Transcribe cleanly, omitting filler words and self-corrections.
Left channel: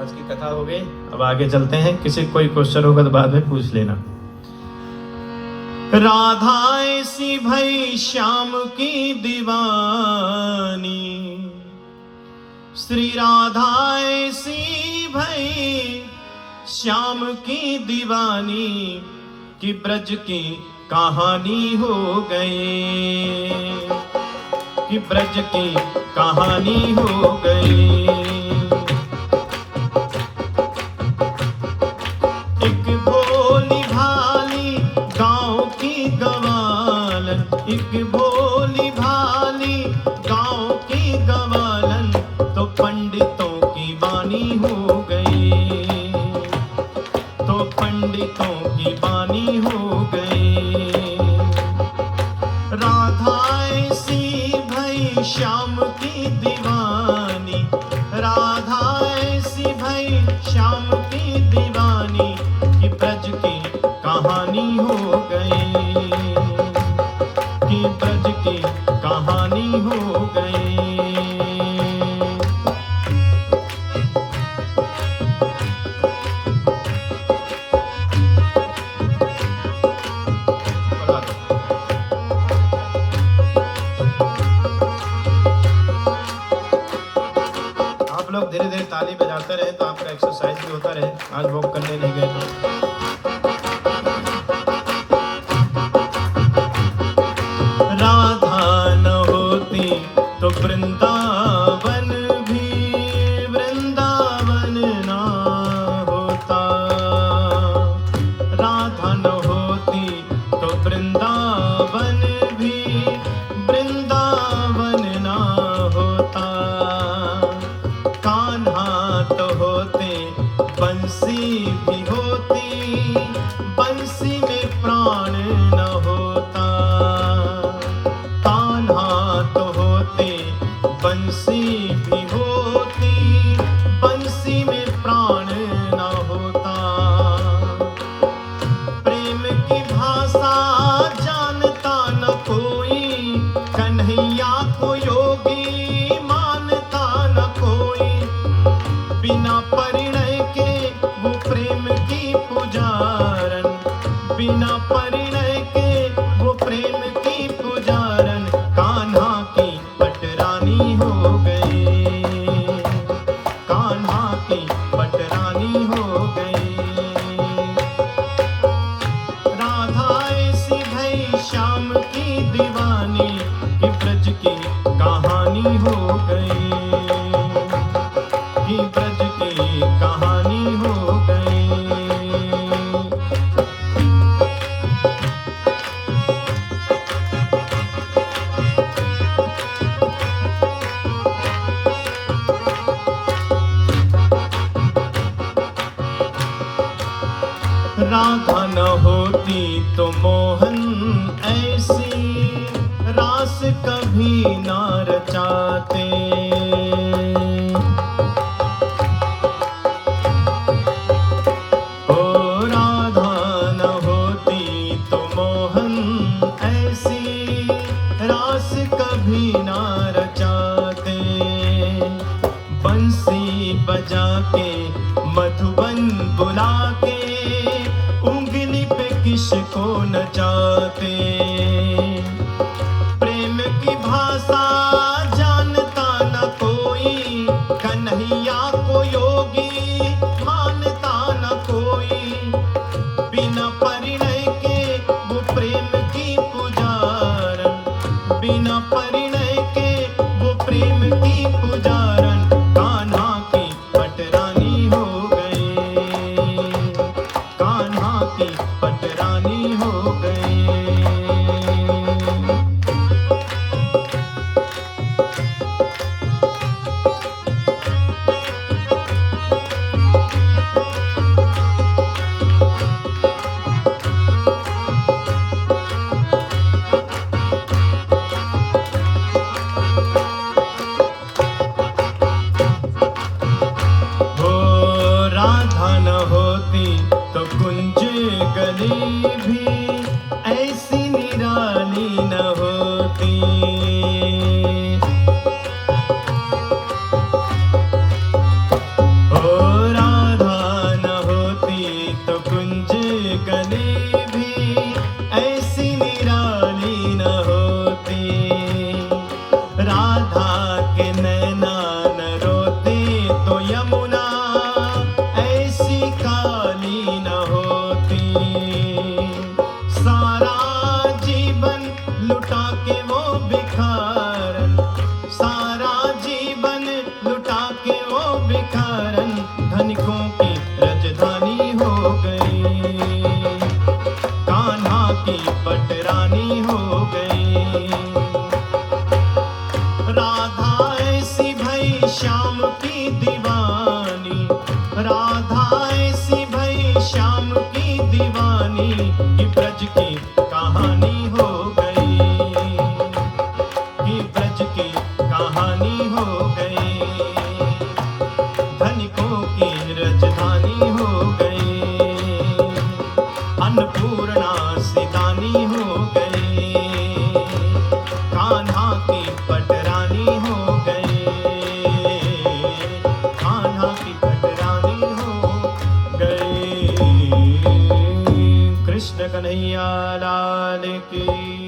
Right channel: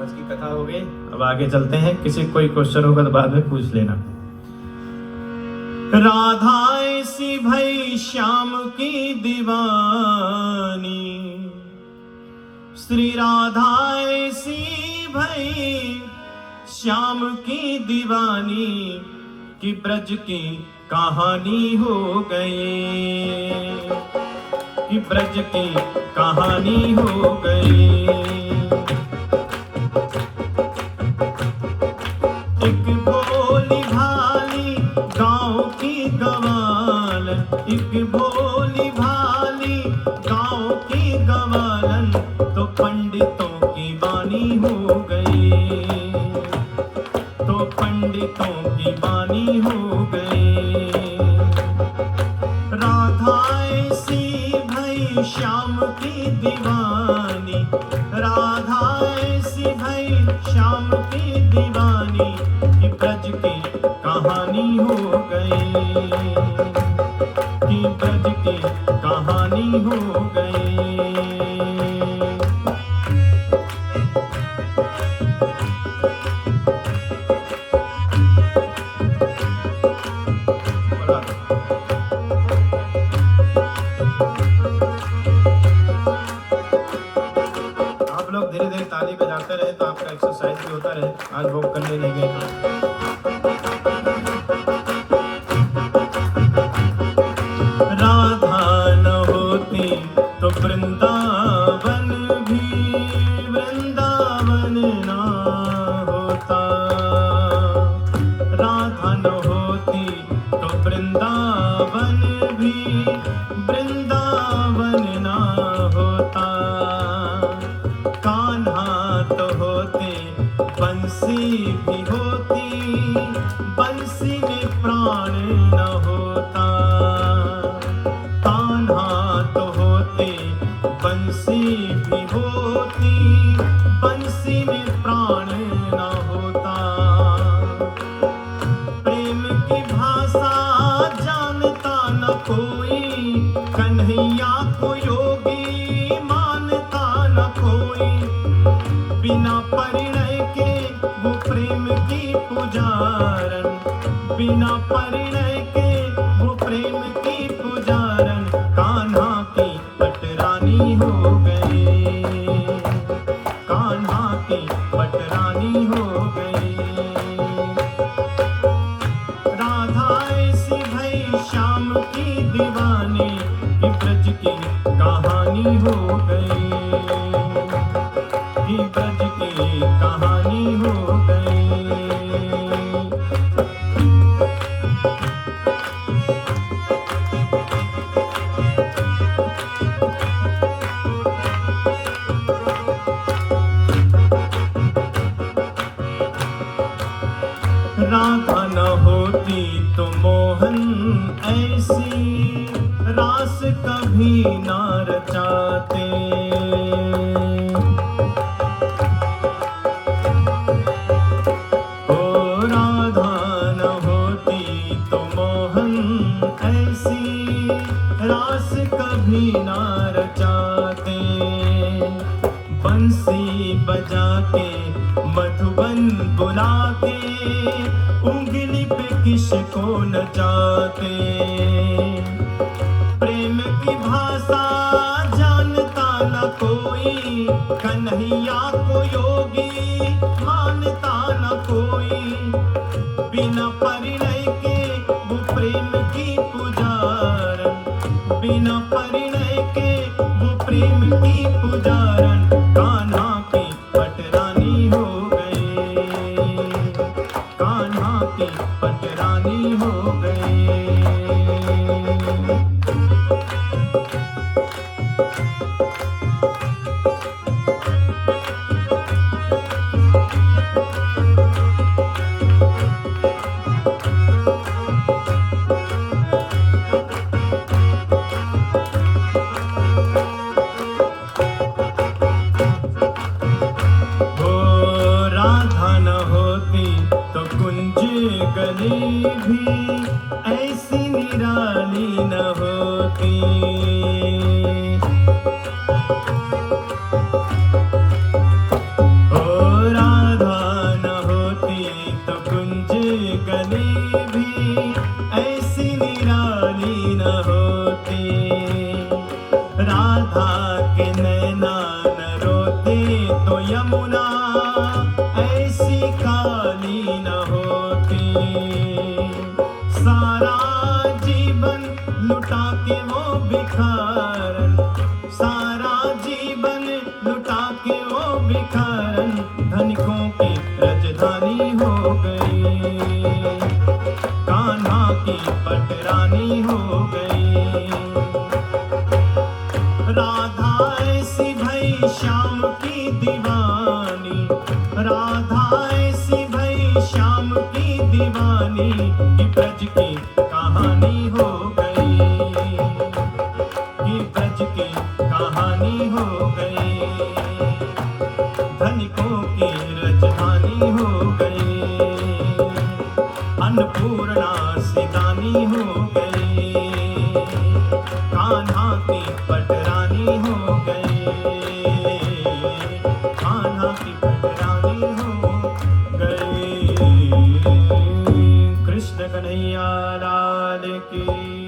आज की कथा हो गई, अब आगे चलते हैं। किसी कोई क्वेश्चन होगा तो बाद में पूछ लेना। राधा ऐसी भई श्याम की दीवानी, श्री राधा ऐसी भई श्याम की दीवानी, कि ब्रज की कहानी हो गई, कि ब्रज की कहानी हो गई। एक भोली भाली गांव की गवालन, एक भोली भाली गांव की गवालन, तो पंडितों की वाणी हो गई, तो पंडितों की वाणी हो गई। राधा ऐसी भई श्याम की दीवानी, राधा ऐसी भई श्याम की दीवानी, कि ब्रज की कहानी हो गई, कि ब्रज की कहानी हो गई। धीरे धीरे ताली बजाते रहे तो आपका एक्सरसाइज भी होता रहे। आज वॉक करने नहीं गए। राधा न होती तो वृंदावन भी वृंदावन ना होता, राधा न होती तो वृंदावन भी वृंदावन ना होता। कान्हा तो होते बंसी भी होती, बंसी में प्राण न होता। कान्हा तो होते बंसी भी होती, बंसी में प्राण न होता। प्रेम की भाषा जानता न कोई, कन्हैया को योगी मानता न कोई। बिना परिणय के वो प्रेम की पुजारन, बिना परिणय के वो प्रेम की पुजारन, कान्हा की पटरानी हो गई, कान्हा की पटरानी हो गई। राधा ऐसी भई श्याम की दीवानी, कि ब्रज की कहानी हो गई, कि ब्रज की कहानी हो गई। राधा न होती तो मोहन ऐसी रास कभी ना रचाते। ओ राधा न होती तो मोहन ऐसी रास कभी ना रचाते। बंसी बजा के मधुबन बुला के, उंगली पे किसको नचाते। प्रेम की भाषा जानता न कोई, कन्हैया को योगी मानता न कोई। बिना परिणय के वो प्रेम की पुजारन, बिना परिणय के वो प्रेम की पुजारन, कान्हा की पटरानी हो गई, कान्हा की पटरानी हो गई। भिखारन धनिकों की राजधानी हो गई। कान्हा की पटरानी हो गई। राधा ऐसी भई श्याम की दीवानी, राधा ऐसी भई श्याम की दीवानी, कि ब्रज की कहानी हो गई, कि ब्रज की कहानी हो गई। धनिकों की राजधानी हो गई। अन्नपूर्णा सिदानी हो गई। कान्हा की पटरानी हो गई। कान्हा की पटरानी हो गई। कृष्ण कन्हैया लाल की